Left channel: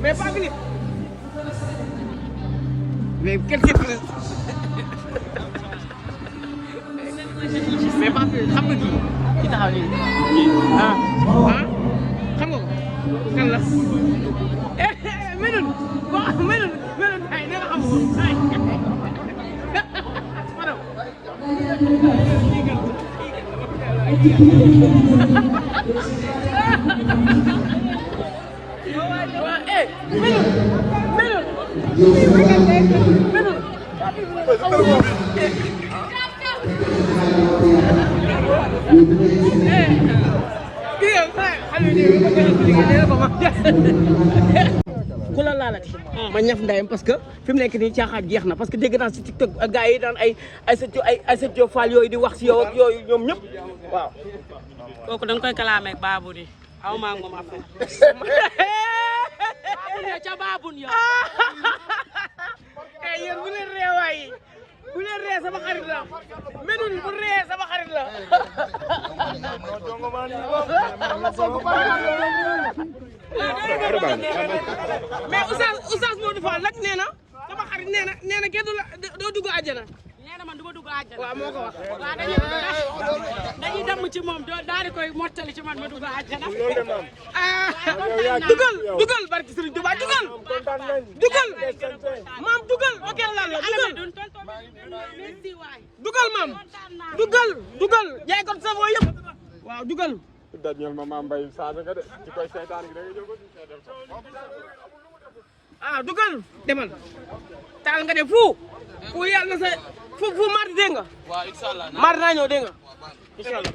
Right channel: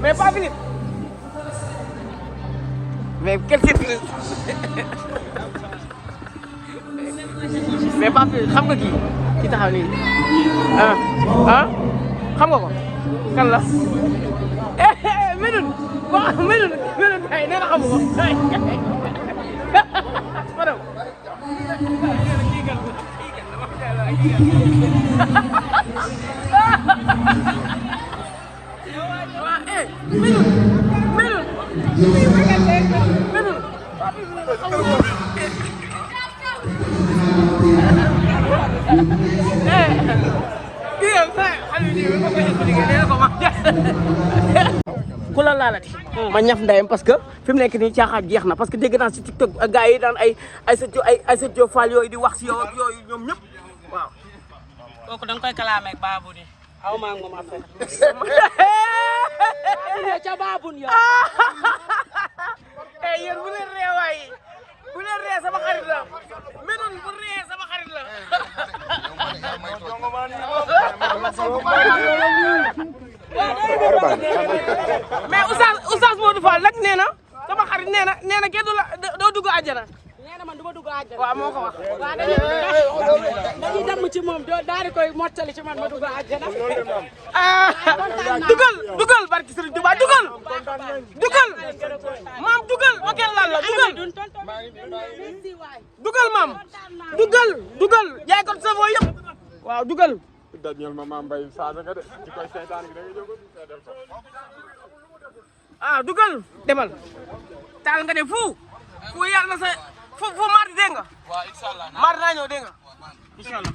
mais pas Philippe mais quelque mais pas Philippe xam nga kii ki taxaw nii xam nga ko kan la Médoune waaw Médoune tey nee na xamu ko madame ku la laalati ma ñaf ndeyam parce que fi mu nekk nii caaxaan jeex na parce que dégg naa si TikTok gars yi daan ay sa Fall yooyu di wax si yow ak yooyu ñoom ñëpp waaw. kooku da nga koy kalaamee ak Babou di aw maa ngi moom affaire. Babou ne ca Babou yow. yéen bu leen ree waay bu leen ree sama xarit la Médoune bu ree sama xarit la. mais Oustaz Modou Fall nag nee na sama xarit nee na kenn du la doo dugg àjjana. nee na man du ma dugg àjjana. waaw moo ko wax. waaw dañuy dem ci moom daal di koy mottali ci man ma dugg àjjana. dugal barki Serigne Touba dugal maam dugal ba kenn laal la dugal maam dugal jaay ko sa foo yëpp waaw dugal. dugal demal taal nga de fu yàlla na sa fu mardi dégg nga mardi naa ñëw dégg nga incha allah